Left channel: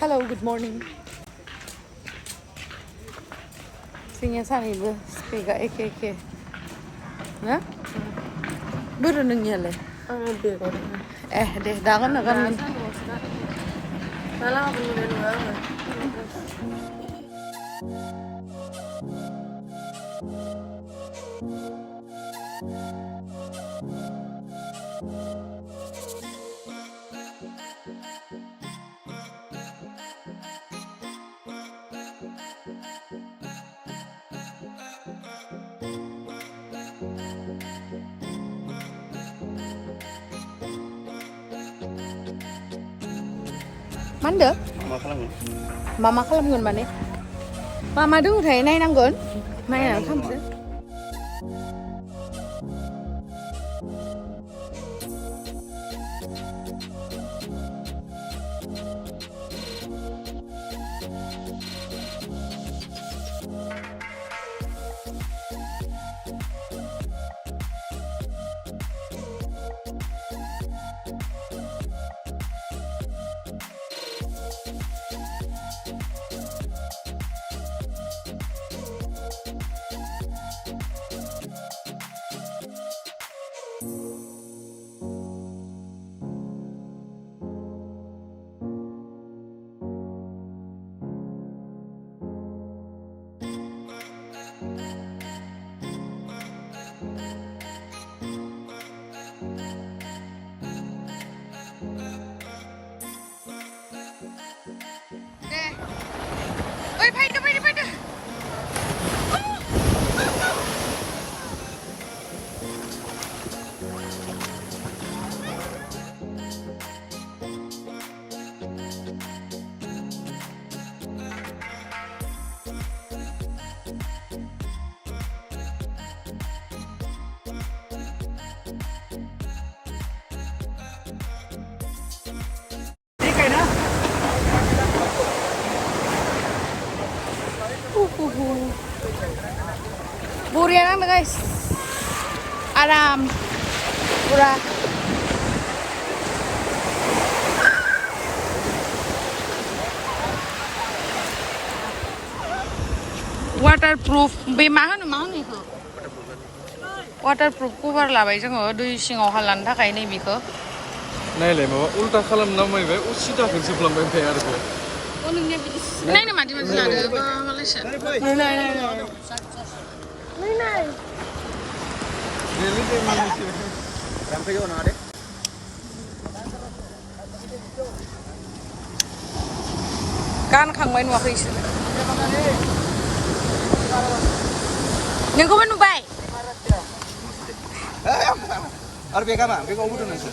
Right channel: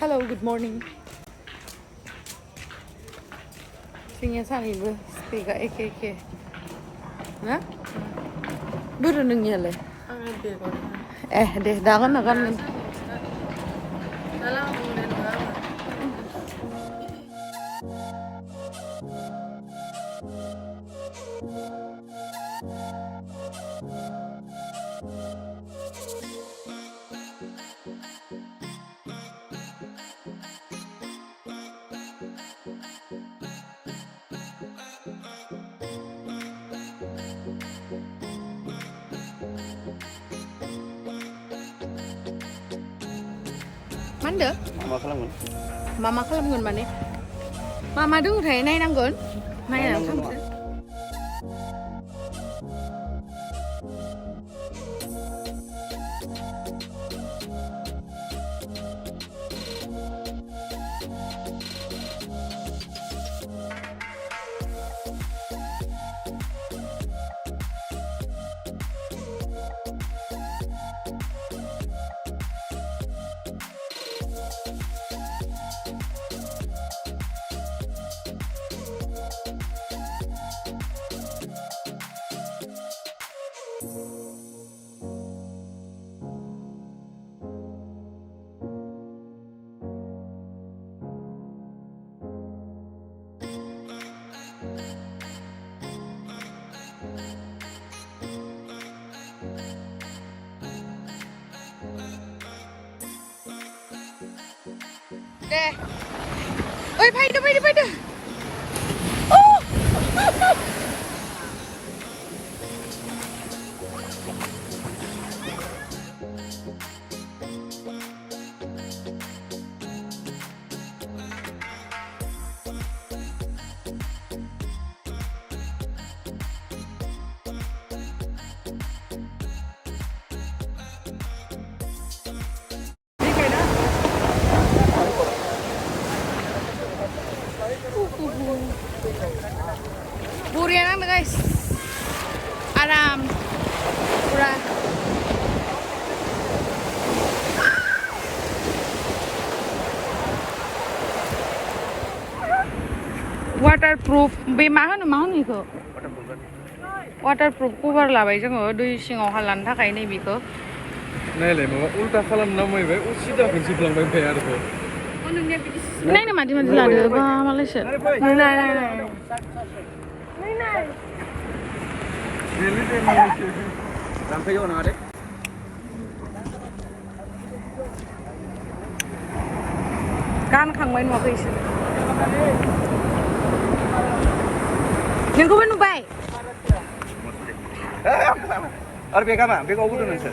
Hello, good morning. Singnya sanibu, spiga ek. Na? Buru nungnya le. Deh, dagan nagan. Manda? Mama khalamw mana? Mama dulu thấy nay năng gớn, nay là không chứ? Deh. Oi, pai. Oh. Burian na guys. Aram. Pura. Waterproof. Be mahon ni ko. Waterproof cover labai jango dui singau halan thakai nei biko. Nai le mama ulta khalamna mai bai u sida khonse plangbai bai arko. Naina mati lado ba Malaysia. Naina. Really de Malaysia. Ram theke ona ade. Kan khangbai nuwa khoi sila. Yang ko banu bai. Ar beka ma, beka obu dun sir.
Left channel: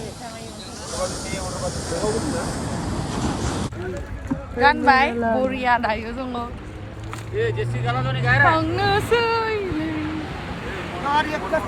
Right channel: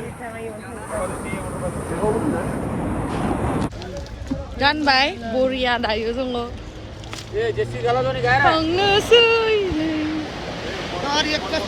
Gan bai, Buria dayo jongo. Ye jesi gala doni gaira. Khangna soi. Kari ekta.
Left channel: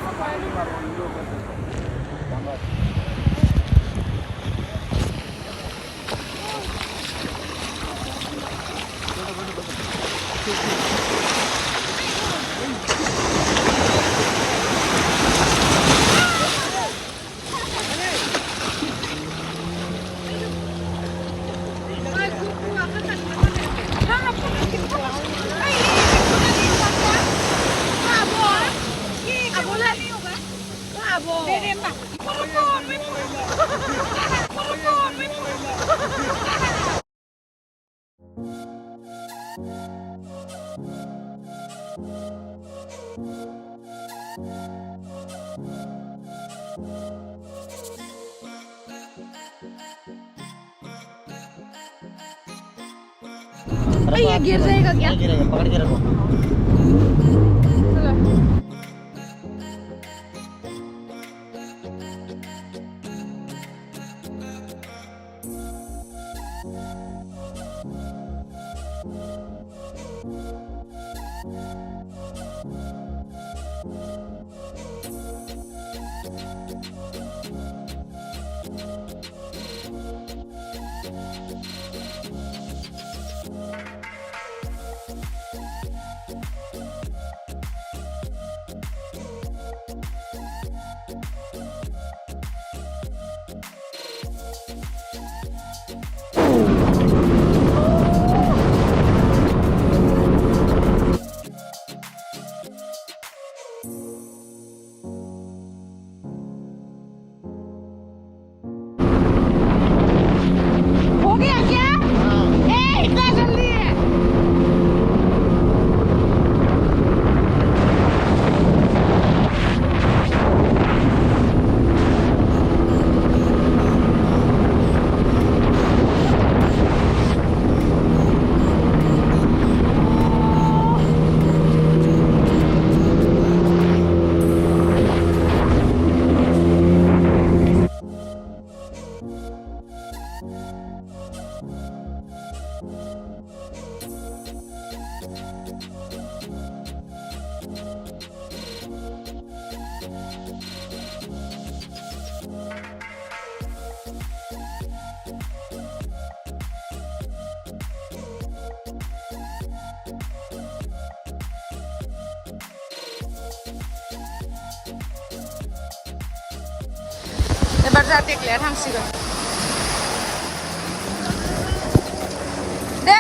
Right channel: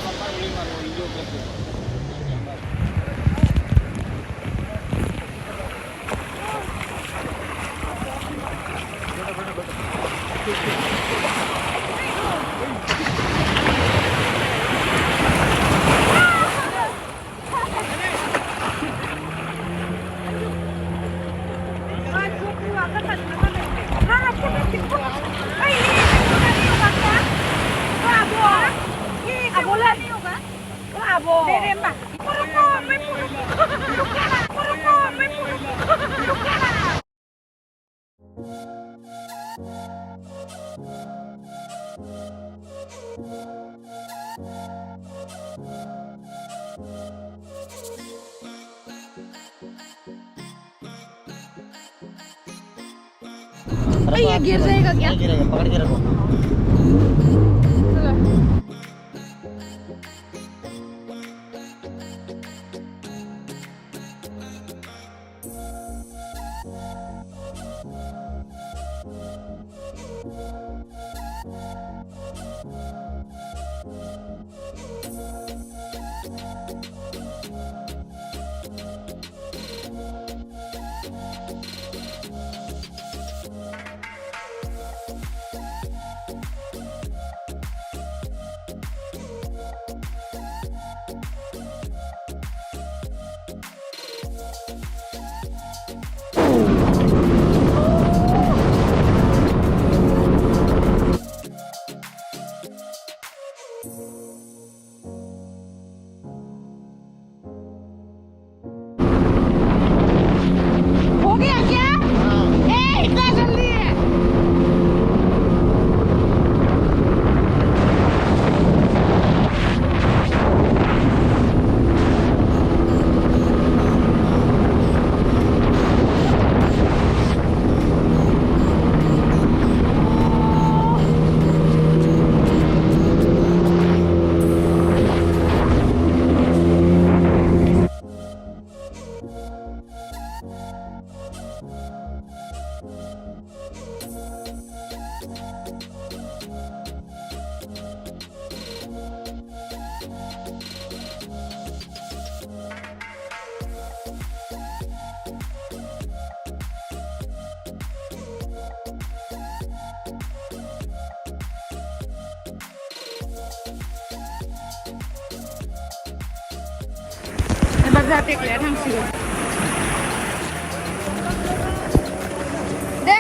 ये गिर जाएगा क्या? गिरेगा, पकड़ के रखो। Ebar जाते kelihatan थांसिगोन दे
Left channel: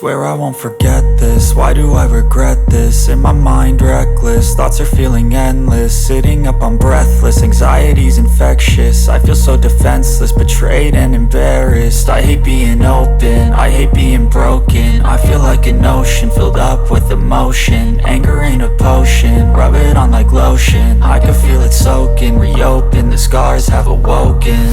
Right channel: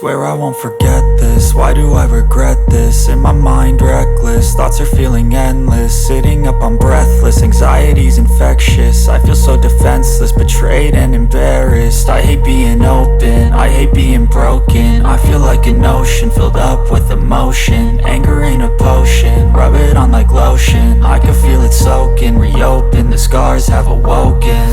Swear I won't forget this, why do I regret this? In my mind reckless, thoughts are feeling endless. Sitting up I'm breathless, anxiety's infectious. I feel so defenseless, betrayed and embarrassed. I hate being open, I hate being broken. I feel like an ocean filled up with emotion. Anger ain't a potion, rub it on like lotion. I can feel it soaking, reopen, the scars have awoken.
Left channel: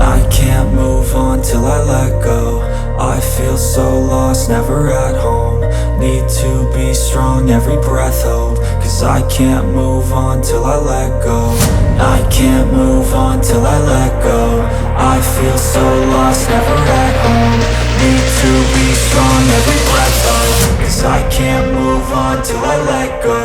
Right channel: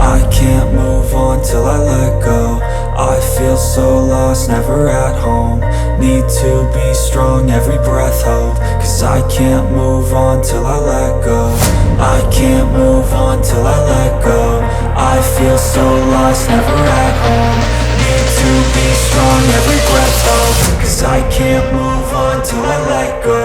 I can't move on till I let go. I feel so lost, never at home. Need to be strong, every breath hope. Cause I can't move on till I let go. I can't move on till I let go. I feel so lost, never at home. Need to be strong, every breath hope. Cause I can't move on till I let go.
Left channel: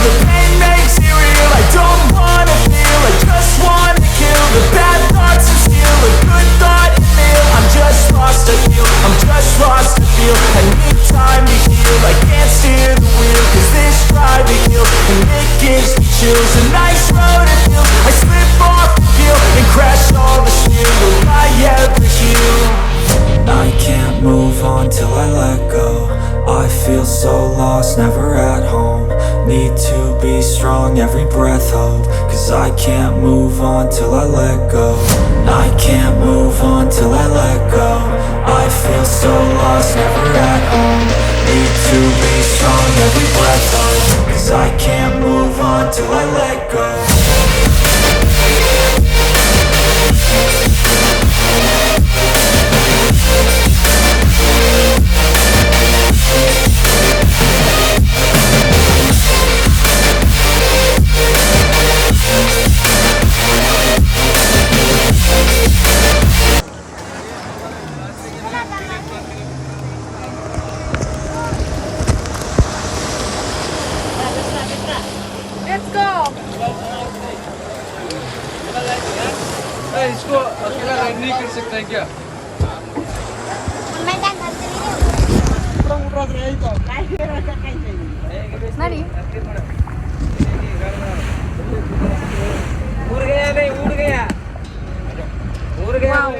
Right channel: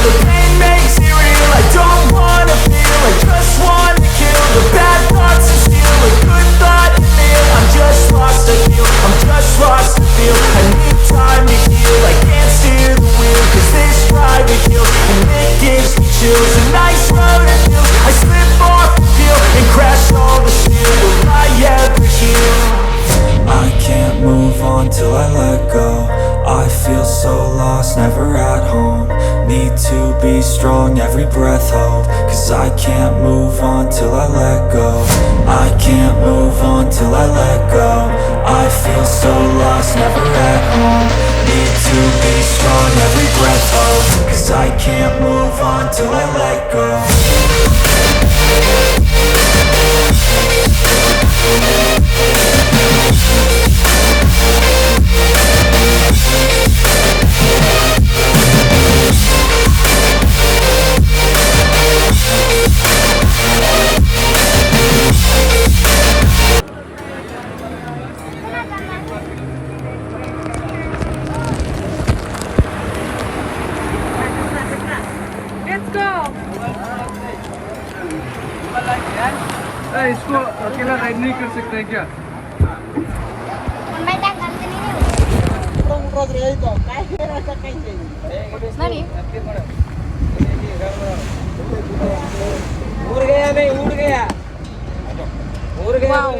The pain makes it real, I don't wanna feel, I just wanna kill the bad thoughts and steal a good thought and meal. I'm just lost, I feel, I'm just lost, I feel. I need time to heal, I can't steer the wheel. Cause this drive it kills, and it gives me chills. A nice road it feels, I slip off and peel, and crash all the steel. Will I ever heal? I can't move on till I let go. I feel so lost, never at home. Need to be strong, every breath hope. Cause I can't move on till I let go. I can't move on till I let go. I feel so lost, never at home. Need to be strong, every breath hope. Cause I can't move on till I let go. इसको अकेला ride नहीं कर सकता है क्या? Nani? Wow.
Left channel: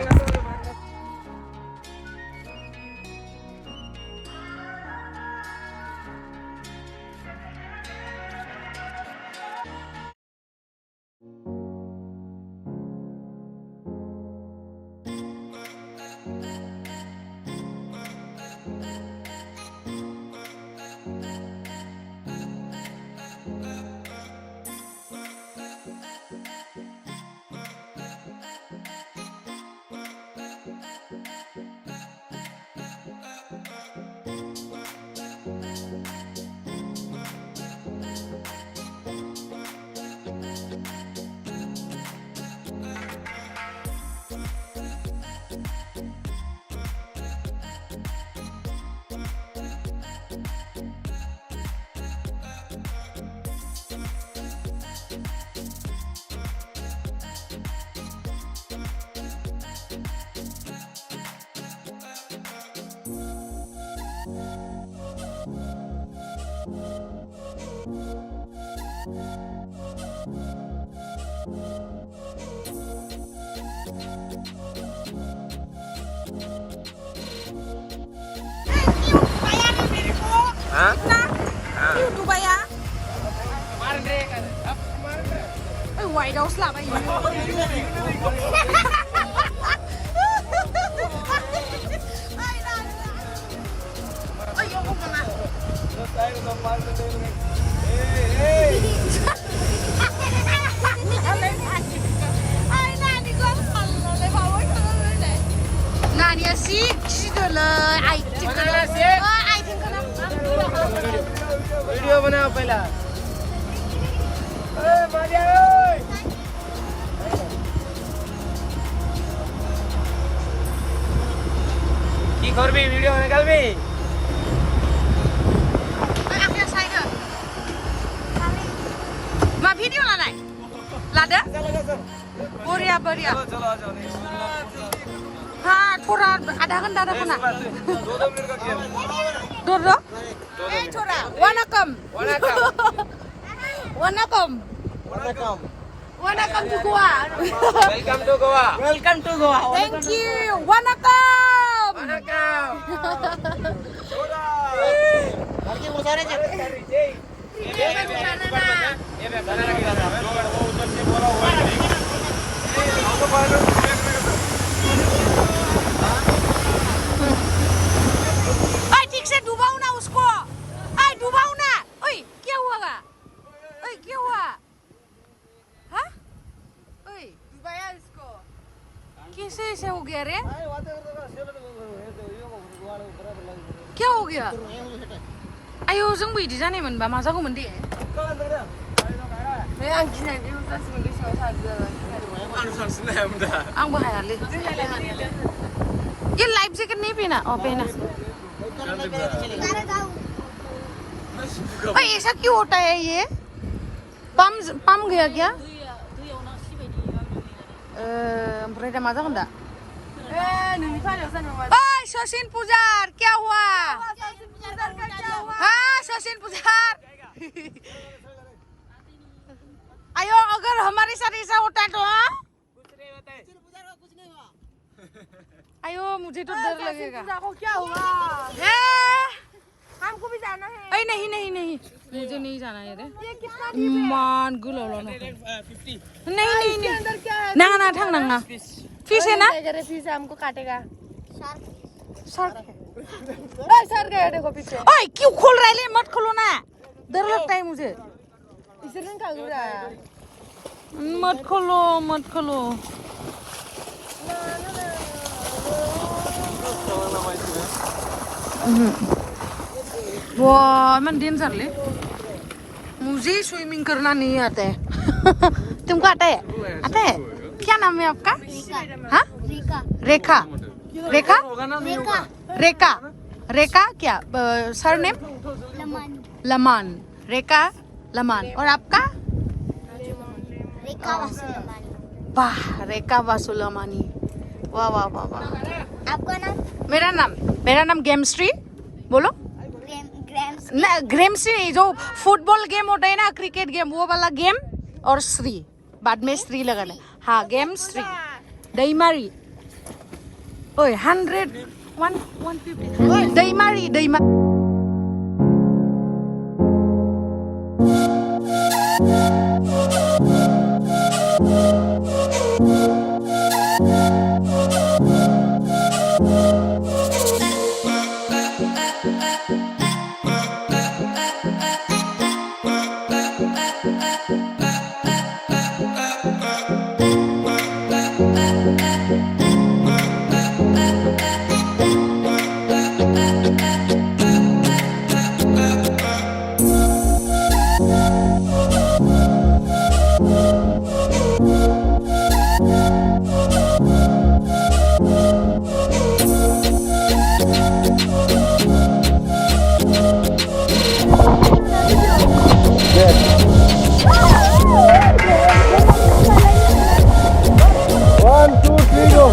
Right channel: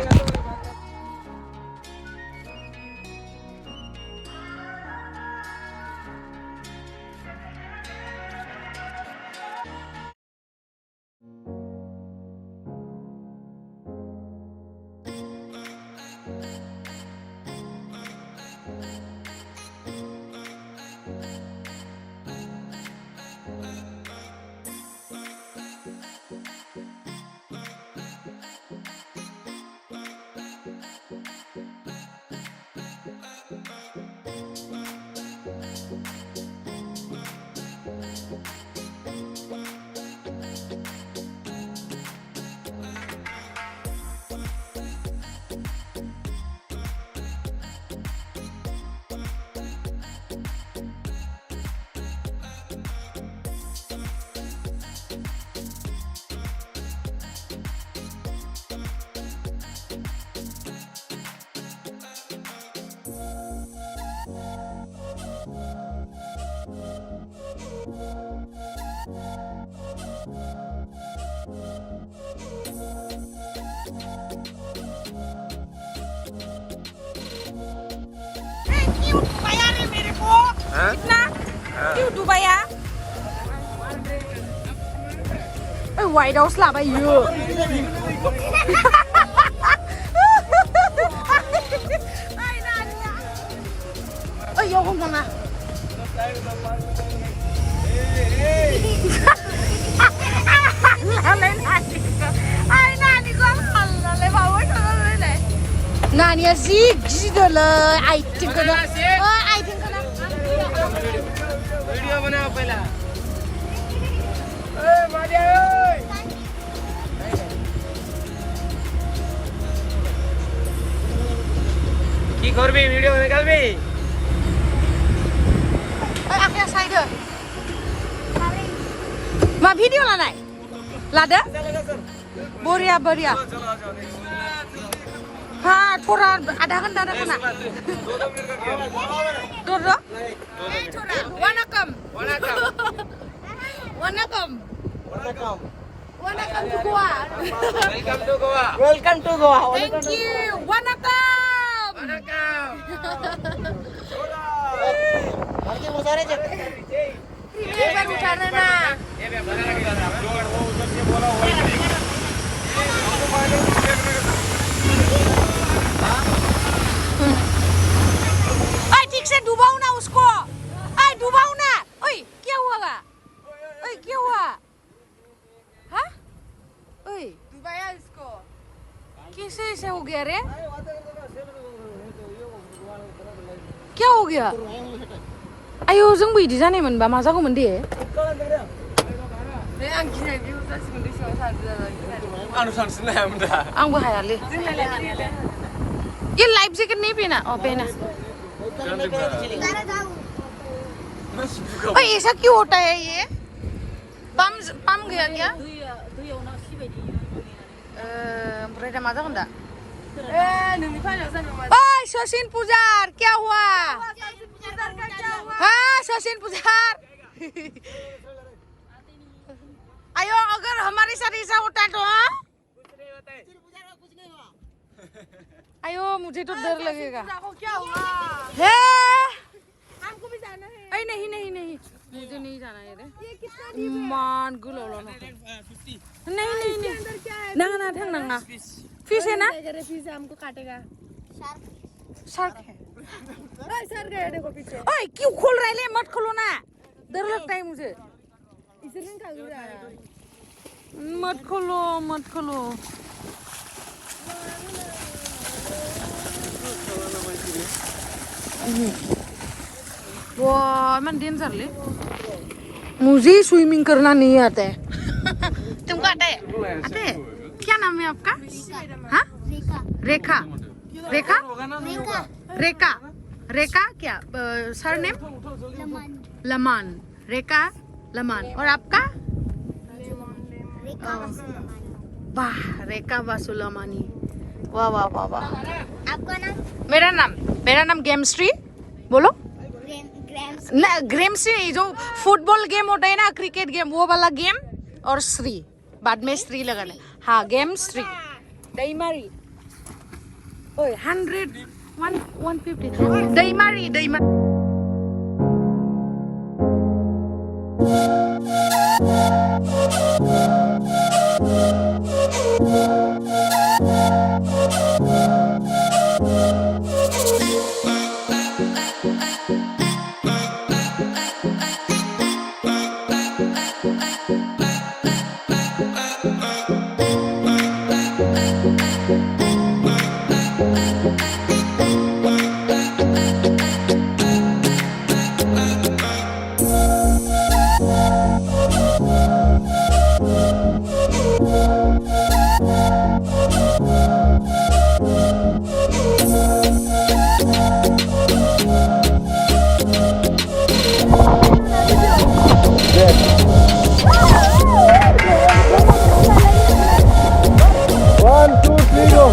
Dubai ya? White House lah bayu. Nanya sih gitu loh, aiting kena. Oh, aiting kena. Video bana pahla. Maria oi. Ki korbi video nikalbi. Akhirnya saya Ma video lah naik. Lada? Boria. Ha, थोड़ा आधा घंटा रखो ना. Doro? थोड़ा. Wanakkam to Goa. Welcome to Goa. Thank you. Wanakkam. ठीक से डुबाओ ना उसको. डुबाओ ना. ओए क्या हुआ? हाँ? ओए डुबाया इसको. कैसे ऐसे हो गया रे? क्या हो गया? आयो जों बिदि जानाय मोनबा मा जागौमोन दे? आंबो हायालै. ये लाइफ जैकेट नहीं पहना. पहना. ओए ऐसा क्यों होता है ये? पम गया क्या? ओमफ्राय दा मा जागोन दा? ओए सचिन पुजार क्या हुआ? हाँ सचिन पुजार. आयो अगर हमारे साथ ऐसा होता तो हाँ? आयो मुझे तो डर लगेगा. क्या हुआ? है हमको भी जाना है. अरे नहीं मुझे नहीं जाना है रे. मान गुलो लो ना. नहीं ना ठंग ना. फिश है ना? फिश हमको काटेगा. सर गया देखो पीछे. ओए क्यों खोल रहा है? मत खोलो ना. डर लगता है मुझे. इसे नहीं खाऊंगा. मत खोलो. वाह मन डेंजर ले. मुझे स्विमिंग करना नहीं आता है. तुमको आता है? क्या नाम है आपका? हाँ? रेखा क्या? सरनेम? लमान. रेखा लमान. और आपका? वाह रेखा वासुलमानी. वाह. आपका नाम? मेरा नाम गेमश्री. बोलो. ग्रेमश्री जो फुटबॉल गेम होता है ना, क्रिकेट गेम, वो वाला गेम. और श्री बाद में श्री लगाना. हाँ गेमश्री दैमारी. ओए 150 Daimary. One, two, three, go.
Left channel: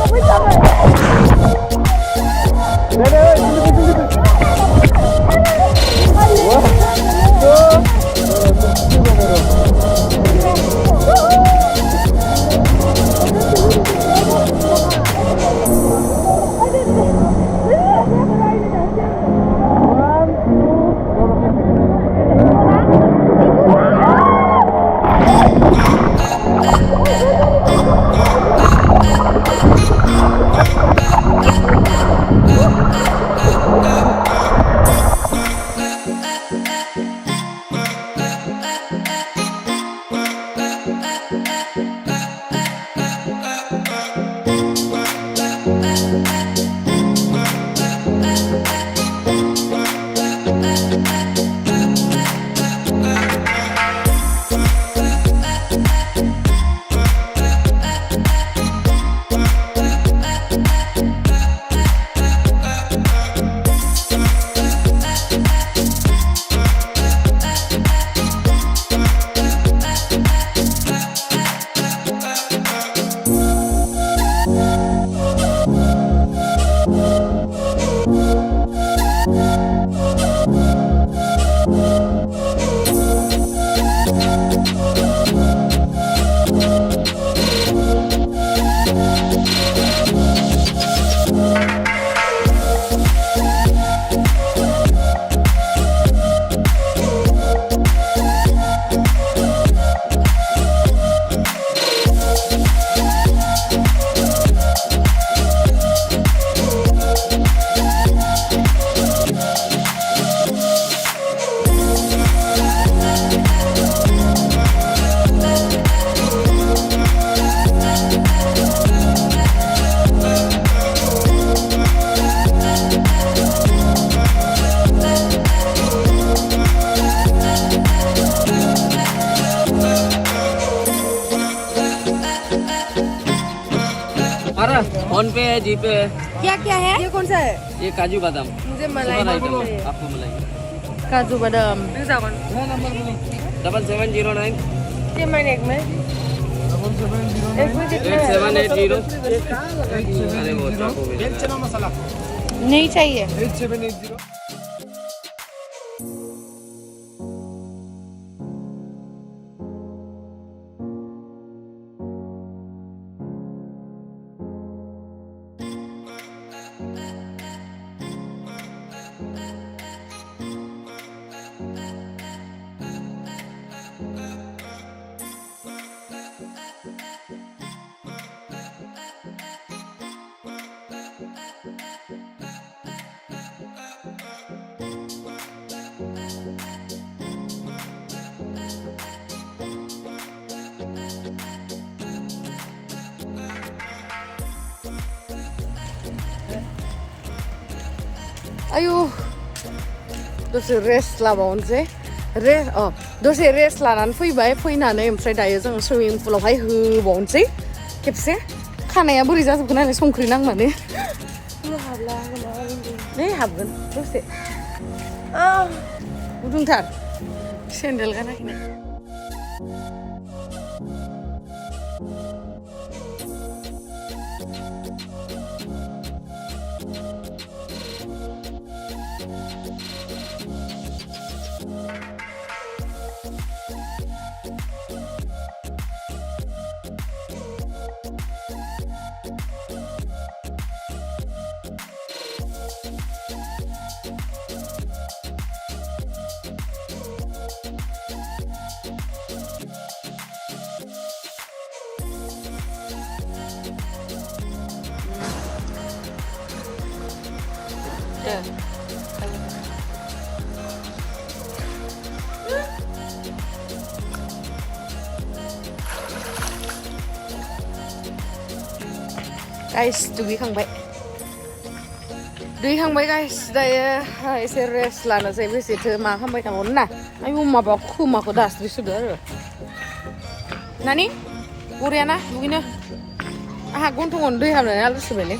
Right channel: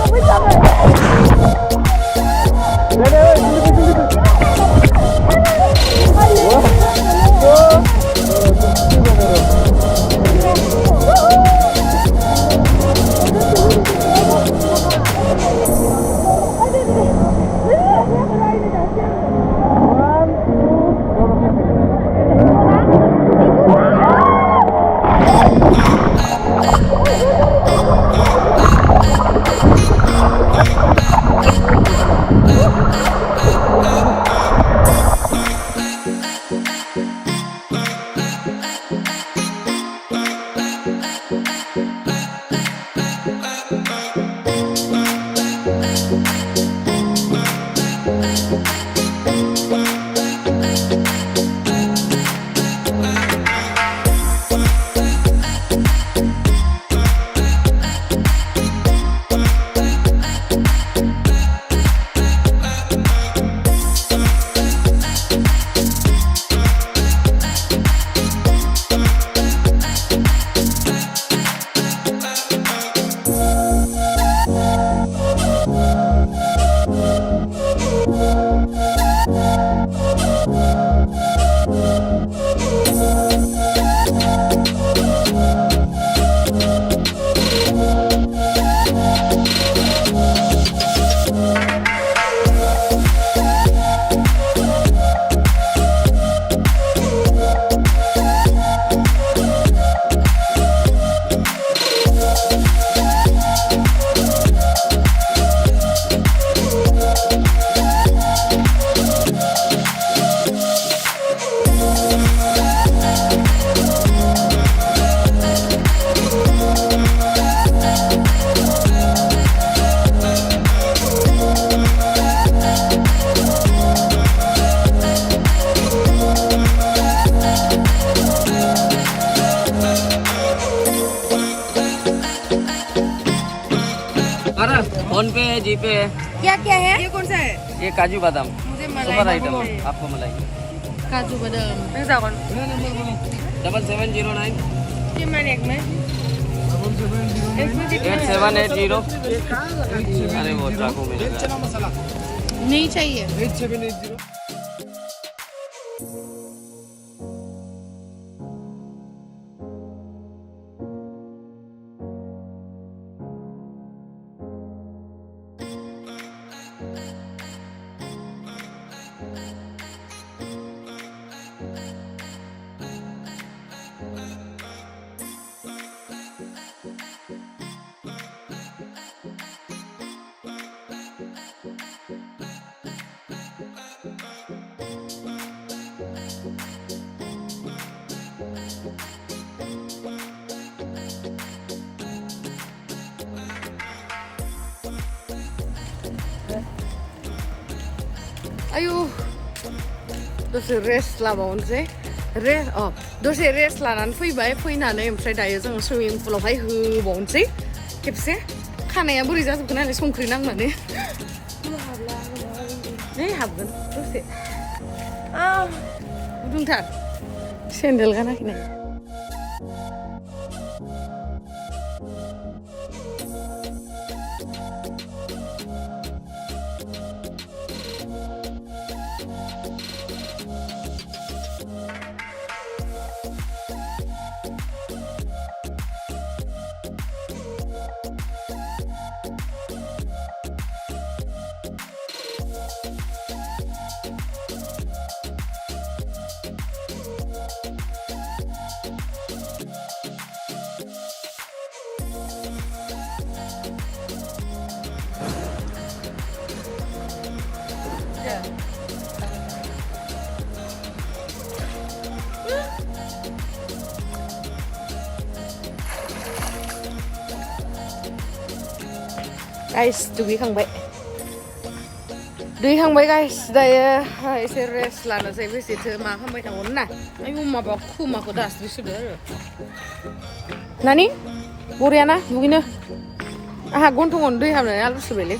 PhonePe है जीपे है क्या क्या है ये कौन सा है ये काजू बादाम मुझे सुपर आइटम है आपको मिलेगी काजू बादाम 7709 ये मैंने एक में 8780 अरे वो चाकू में नहीं चाहिए 8780 आयु दसे रेस्ट लाबावनोसै दसे रेस्ट लानानै फैबाय फैनानै ओमफ्राय दायो जों सुइमिं पुलावहाय होबावनोसै खेबसे खानाया बोरै जाजोबगोन नालाय संख्रि नांनानै नै हाबगोन दसे गुदुंथार सेन्देल गानाखैनो guys दुगैखांबाय guys दायो एसे रेस्ट लानोसै बेसेथो मा खालामबाय थागोन ना आयु माबा खोमाखौ दास्रि सुदो आरो नानि बरियाना दुगैनो आंहा गन्थङावनो दै हाबनानै आलु सुबायलै